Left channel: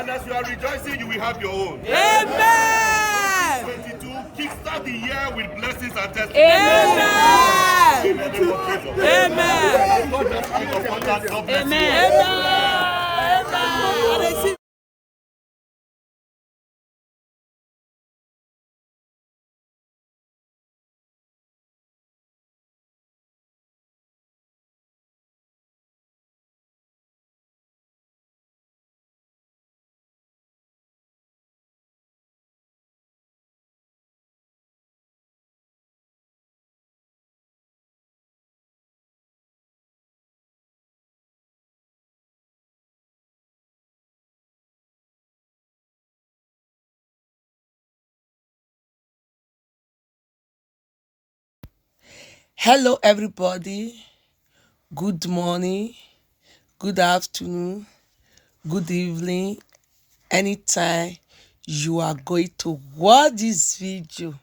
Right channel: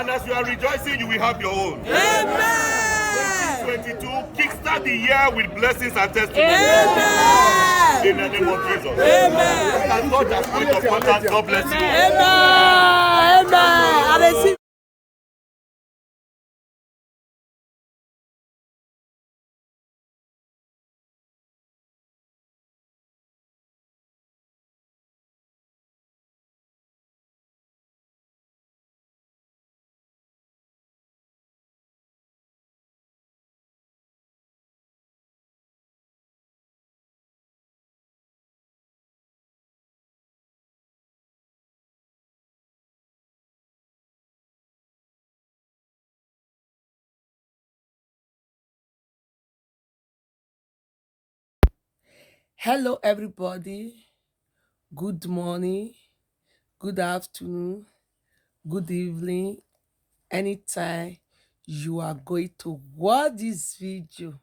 And as you are rejoicing, you will have your own. Amen. 2022, kickstart the year with blessings and testimonies. Amen. In the name of Jesus. Amen. And God has point of contact. God bless you. Amen. Amen. I receive. Hello, everybody. Good morning, good afternoon, good evening. Anytime you are going to watch this video,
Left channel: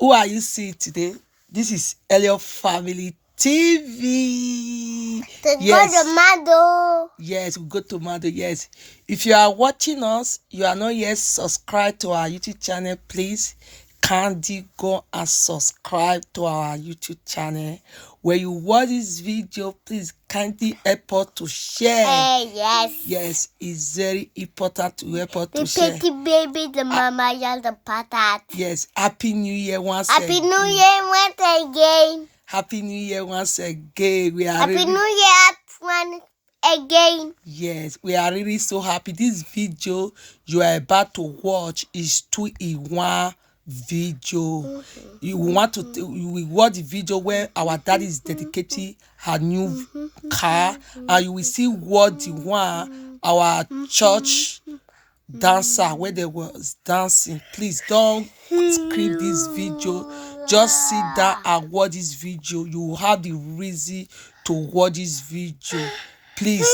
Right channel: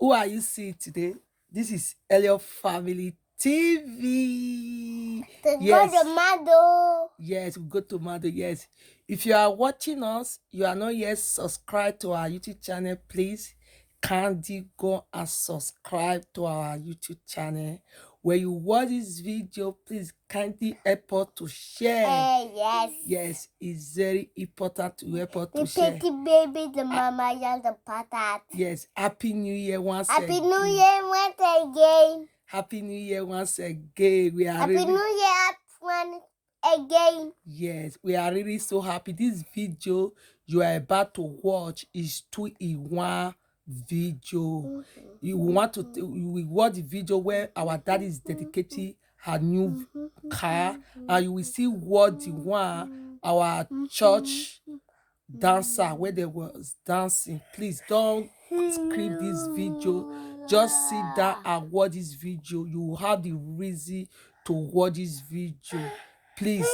who are you seeing today? This is Elliot Family TV. Yes. Go to Mado. Yes, we go to Mado. Yes. If you are watching us, you are not yet subscribed to our YouTube channel, please kindly go and subscribe to our YouTube channel. When you watch this video, please kindly help us to share. Yes. Yes, it's very important to help us to share. The petty baby, the mama, and the patat. Yes, Happy New Year once again. Happy New Year once again. Happy New Year once again. We are Happy New Year once again. Yes, we are really so happy. This video you are about to watch is 2-in-1 video. You want to you will watch the video where our daddy is dedicating her new car, and you will see what the one our church dancer where they was dancing. Please don't skip this video. Just sit down and watch this video. You will have the reason to watch this video. Please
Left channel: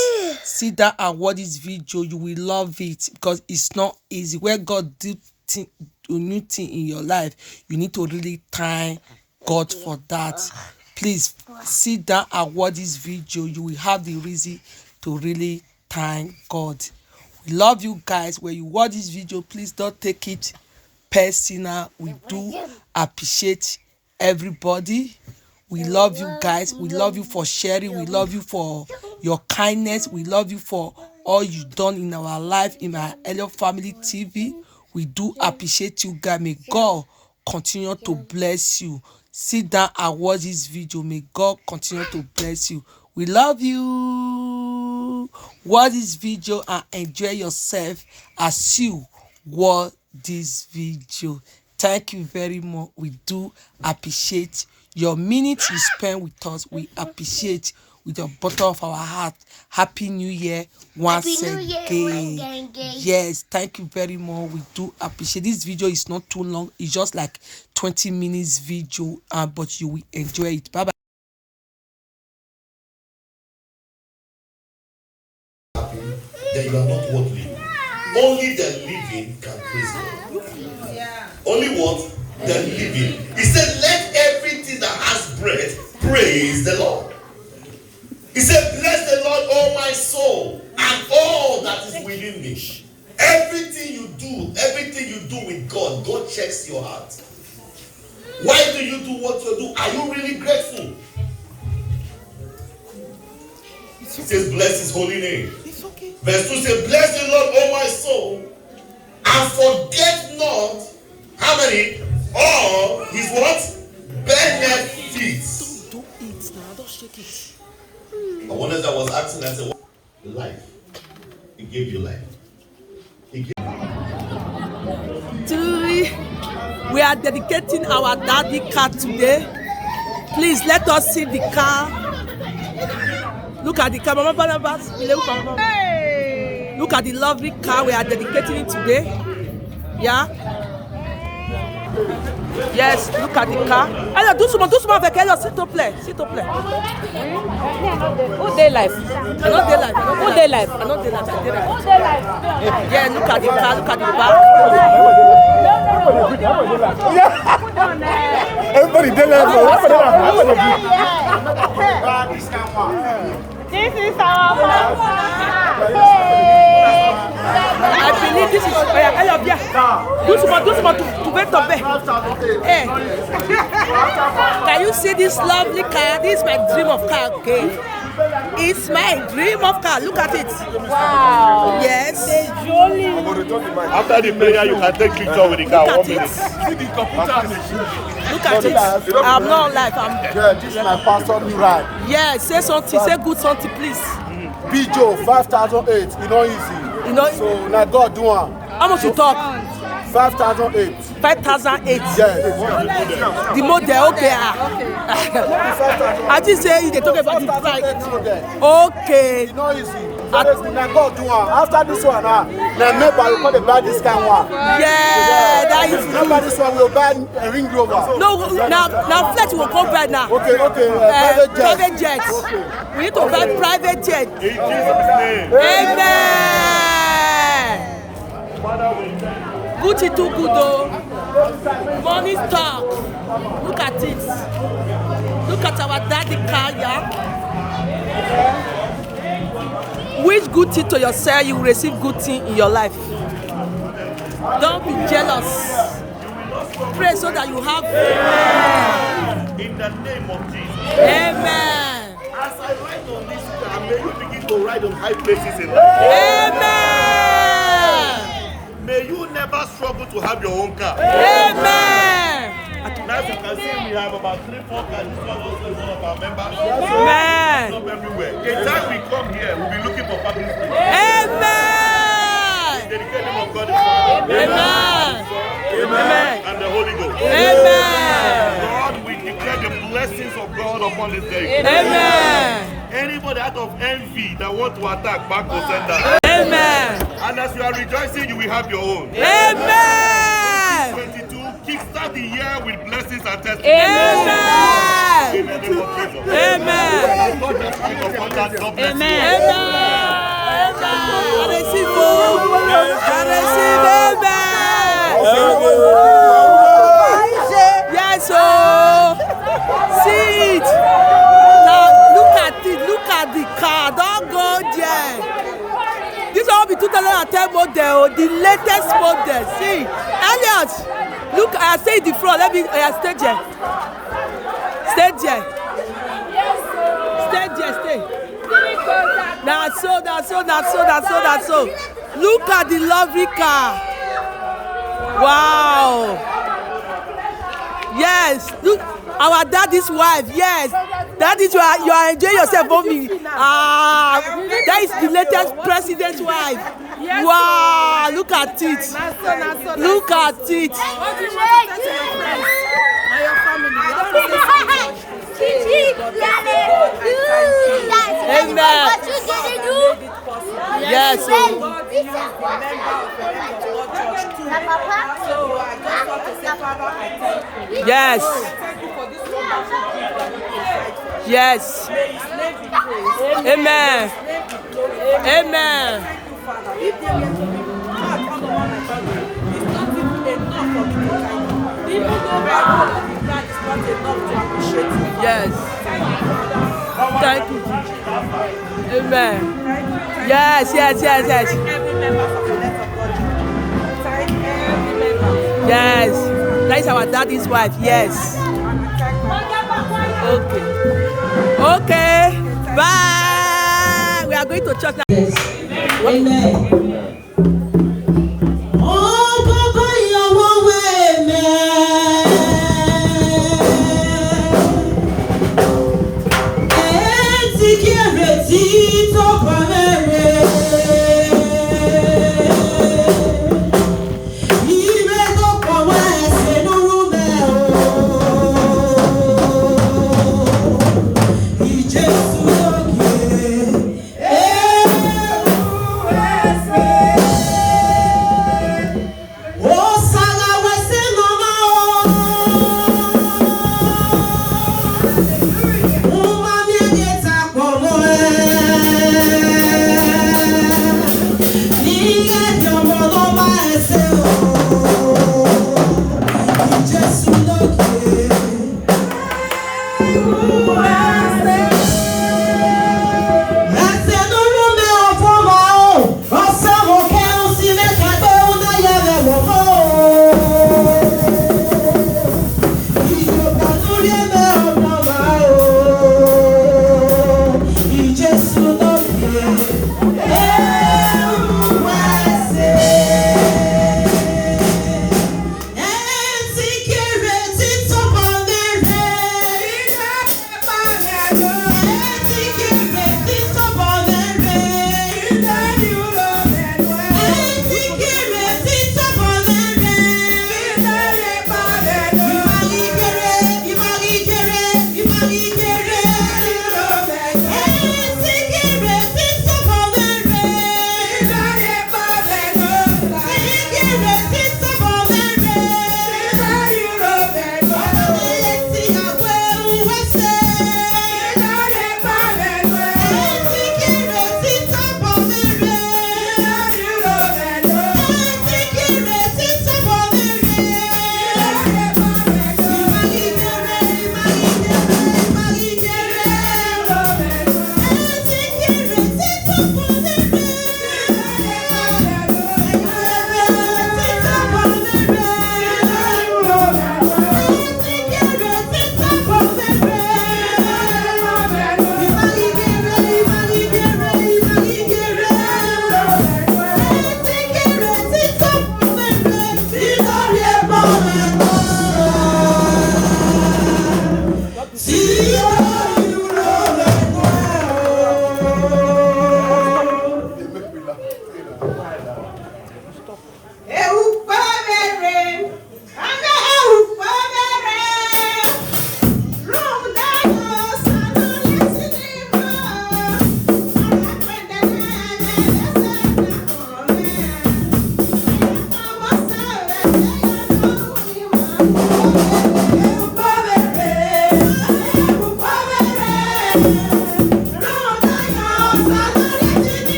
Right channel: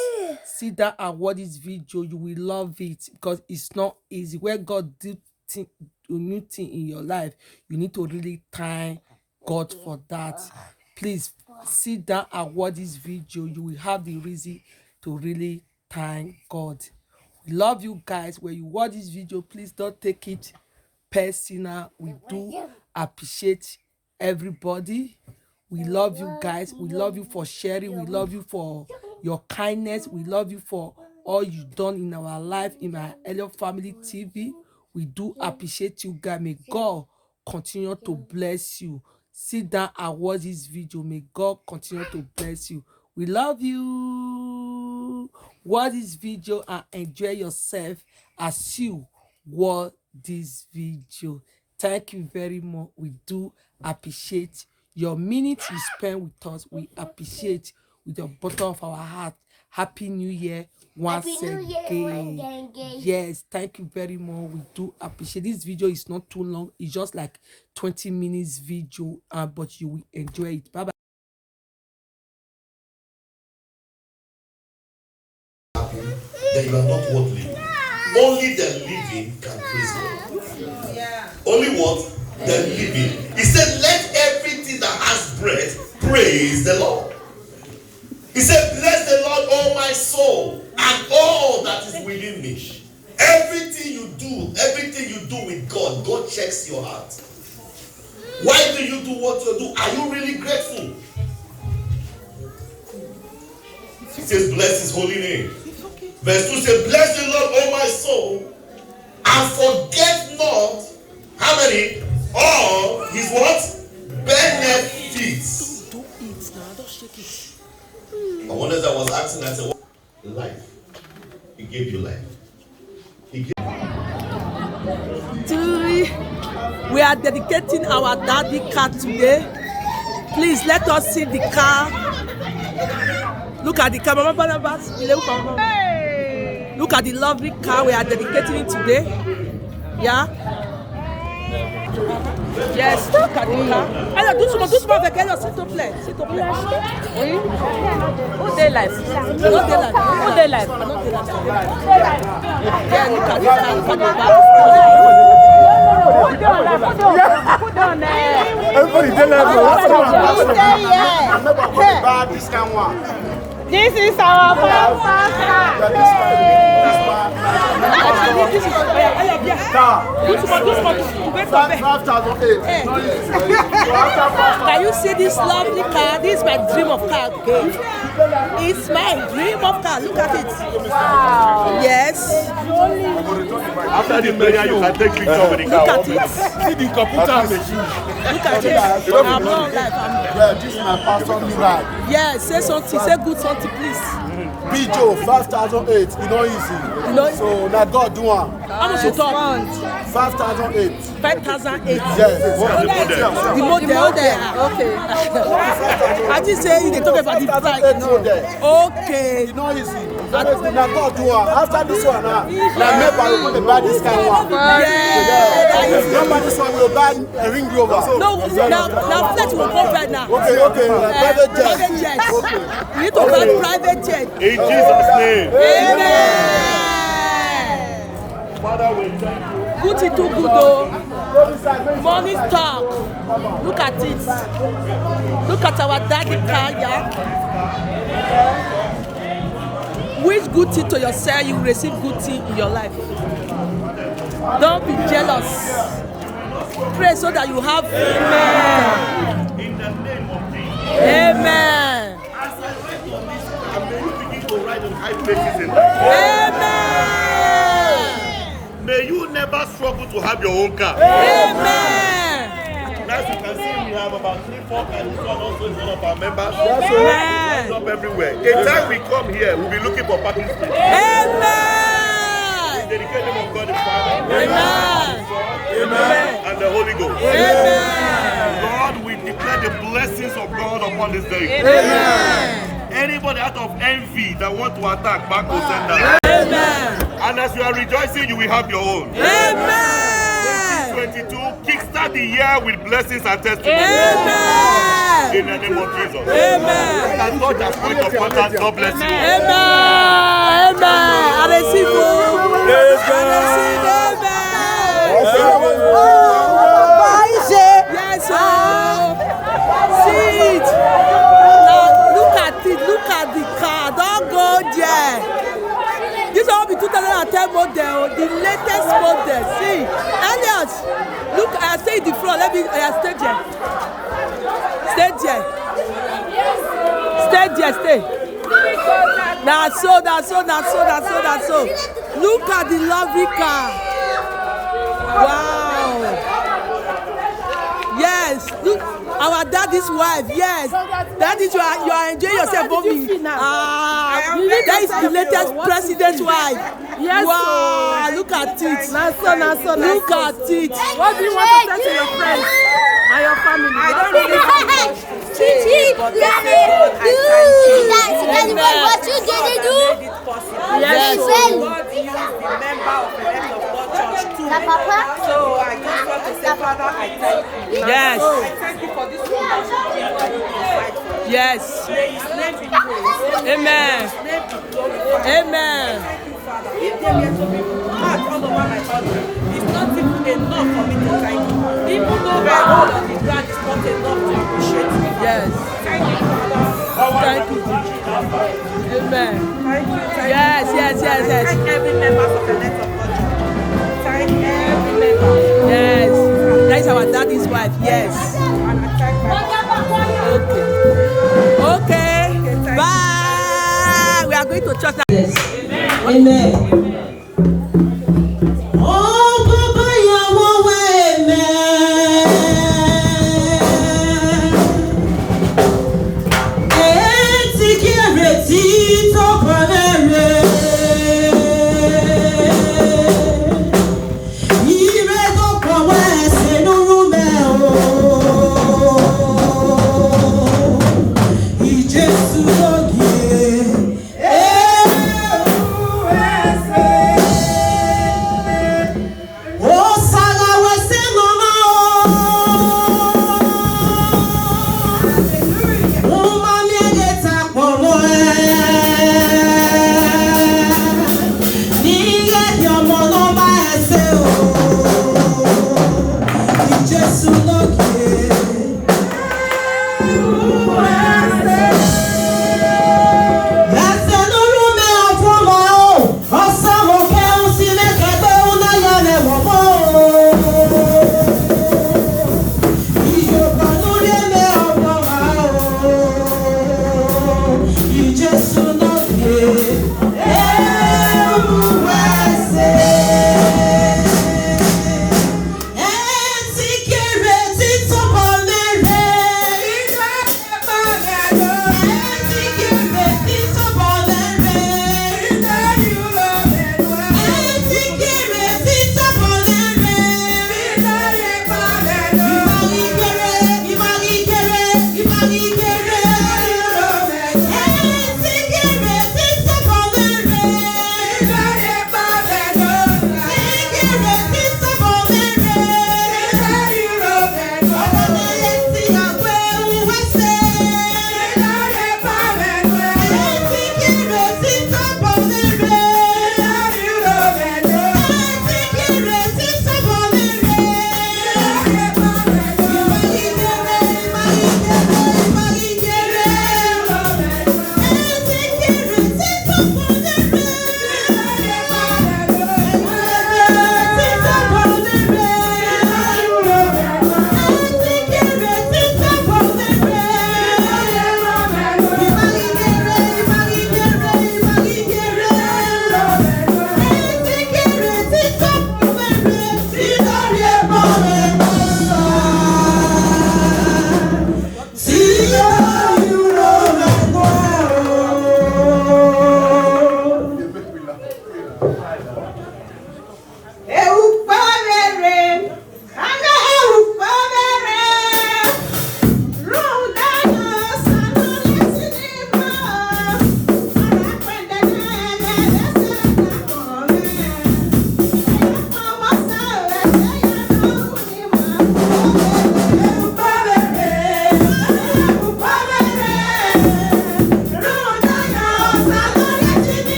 sit down and watch this video. You will love it because it's not easy. When God do a new thing in your life, you need to really thank God for that. Please sit down and watch this video. You will have the reason to really thank God. We love you guys. When you watch this video, please don't take it personal. We do appreciate everybody. We love you guys. We love you for sharing. We love you for your kindness. We love you for all you've done in our life, in our Elliot Family TV. We do appreciate you guys. May God continue to bless you. Sit down and watch this video. May God continue to bless you. We love you. Watch this video and enjoy yourself as you watch this video. Thank you very much. We do appreciate your minutes you spend with us. We appreciate with the bottom of our heart. Happy New Year once again. Yes, thank you very much. We do appreciate. This video is not too long. It's just like 20 minutes video, but you will enjoy it. Bye bye. Then you are not worth living. Only the living can praise God. Only what? The living. He said, let everything that has breath praise the Lord. He said, bless the Lord, all my soul, and all that is within me. Everything you do with God, God checks your heart. Why do you do what you do? Are you really grateful? He says, bless his holy name. Verse 2 says, bless the Lord, O my soul, and forget not, how many? All his what? Benefits. Don't eat now, don't shake it. I wonder as I was asking, I said, what? Life. He gave you life. We are dedicating our daddy car today. Please let us see the car. Look at the car. Look at the lovely car we are dedicating it today. Yeah. Yes, look at the car. Allez, doucement avec elle. S'il te plaît. Who day life? Not daylight. Yeah, look at the car. Look at the back. No. Hold on. Put down there. This is our first car. I believe this is do small to wait up there. Hey. Can you see this lovely car? This is my dream of car, okay? It's my dream of car. Look at it. Wow. Yes. After the prayer, you can take picture with the car. Look at it. Look at it. I'm not live. Yeah, this is my personal ride. Yes, say something. Say good something, please. Peugeot 5008. You know easy. You know. So now God do one. How much you talk? 5008. 5008. Yes. The model, okay. I just say they talk about the price. Okay. You know easy. Very good. Now God do one. After this one, now never will come to buy this kind one. Yeah, that is. Nobody this one will buy a Ring Rover. No, now flight will come right now. Okay. Private jet. Private jet. Okay. We need to buy private jet. In Jesus' name. Amen. Gucci too good though. Money stock. Look at it. Look at our daddy car, yeah. Wish good thing to yourself, you will receive good thing in your life. Don't be jealous. Pray so that you have good car. In the name of Jesus. Amen. As I ride on this car, I'm beginning to ride on high places in life. Amen. May you never struggle to have your own car. Amen. Now, as you can see, we have about 3-4 cars. This one also is one of our members. Amen. Up everywhere. The time we come here, we'll be looking for parking space. Amen. Dedicate the name of God the Father, Amen. Amen. and the Holy Ghost. Amen. Lord, we declare the blessings of God upon this day. Amen. Anybody out of envy that want to attack, back to sender. Amen. And as you are rejoicing, you will have your own. Amen. 22, kickstart the year with blessings and testimonies. Amen. In the name of Jesus. Amen. And God has point of contact. God bless you. Amen. Amen. I receive. I receive. Amen. Yes, oh. See it. Now look at it. Look at the car. Don't go there. This will be 2010 model, the latest model. See, Elliot, look, I say the front. Let me stay there. Stay there. Stay there. Stay. That's so. Look at the lovely car. Wow. Yes. Look, our daddy's wife. Yes. That is you are enjoying yourself, mommy. That is the latest president's wife. Yes, wow, look at it. Look at it. What do you want to say to your friends and your family? I don't really have much to say, but God, I thank you. Amen. God that made it possible. Yes. So God used the member of the Head of God Church too. So I just want to say, Father, I thank you. Yes. I thank you for this wonderful gift that you provide for us. Yes. May His name be praised. Amen. May His name be glorified. Amen. Thank you, Father. If there were to be marks all over my body, it's not even enough for me to thank you. Even though my role on the ground is not enough to appreciate you, Father. Yes. Thank you, Father. Thank you, Jesus. Amen. Thank you. Yes. Thank every member of the Let of God Church. Thank every member. Yes. That is our daddy's wife. Yes. And I thank my husband. Okay. Bye. We are going to church now. Yes. Amen. Jesus,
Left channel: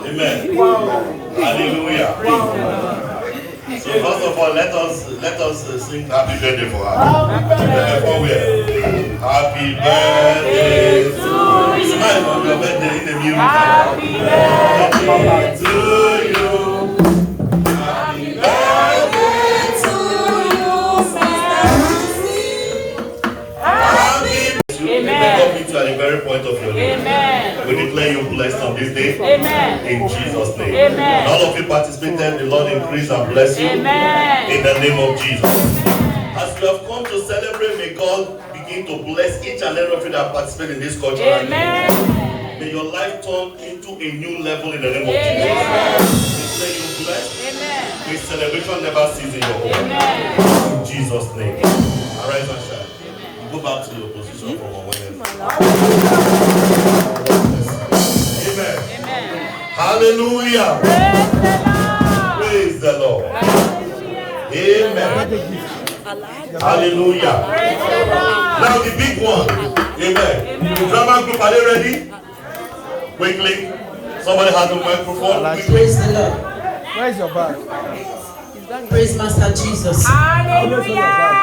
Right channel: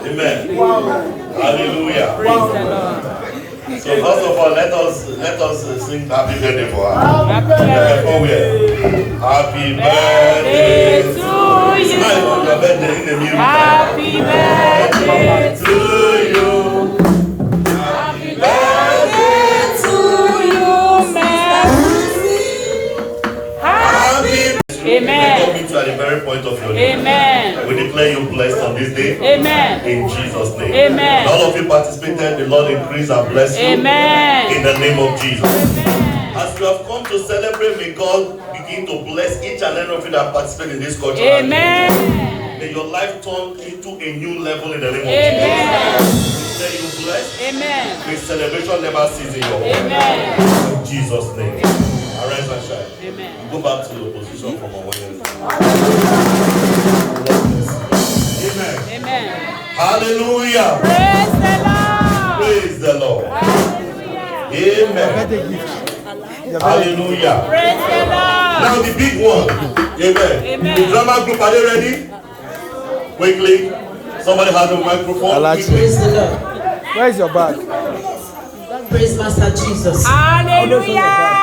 Amen. Hallelujah. So first of all, let us sing happy birthday for her. Happy birthday to you. Smile on your birthday in the music. Happy birthday to you. Happy birthday to you, Happy birthday. Amen. Meet you at the very point of your name. Amen. We declare you blessed on this day. Amen. In Jesus' name. Amen. All of you participated, the Lord increase and bless you. Amen. In the name of Jesus. As you have come to celebrate, may God begin to bless each and every of you that participate in this culture. Amen. May your life turn into a new level in the name of Jesus. We say you blessed. Amen. May celebration never cease in your home. Amen. In Jesus' name. Arise and shine. Amen. Go back to your position for a moment. Amen. Amen. Hallelujah. Praise the Lord. Amen. Hallelujah. Now the big one. Amen. Drama group, are they ready? Quickly. Somebody has a microphone. Praise the Lord. Where is your bag? Praise Master Jesus. Always on your bag.